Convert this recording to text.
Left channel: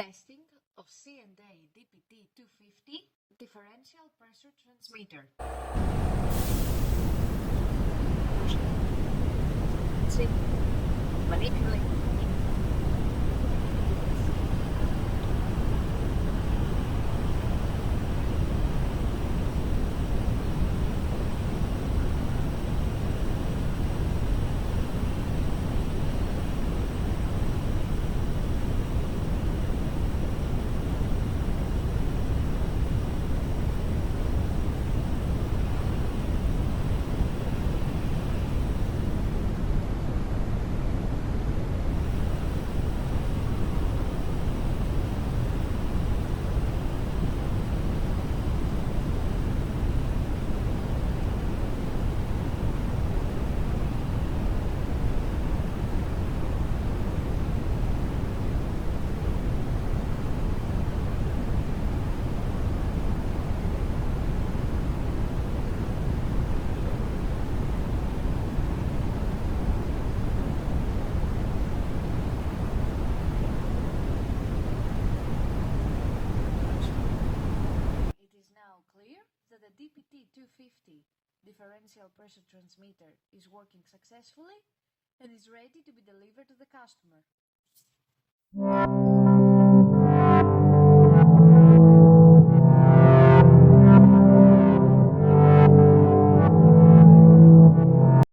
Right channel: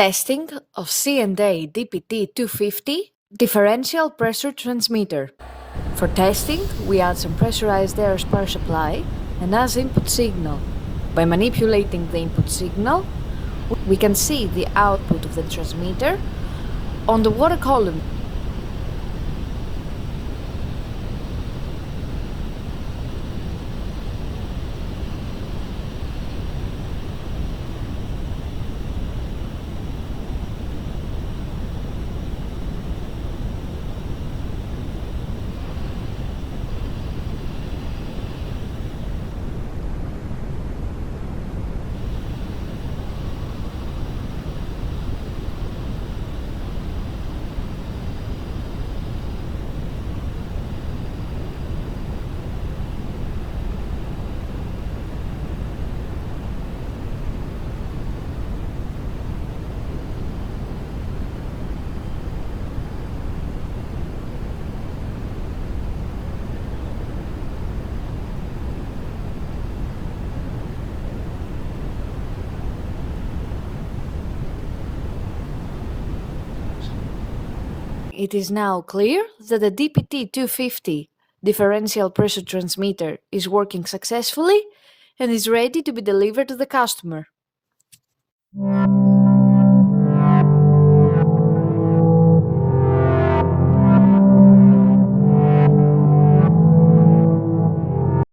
Testing of C&A DPT-250 differential pressure transmitter. For testing, we add some pressurized air power supply and as input signal. By manipulating the input signal, we can see the output of the transmitter on the water column. It is now clear that the DPT-250 differential pressure transmitter is working successfully and is ready to be delivered to the customer.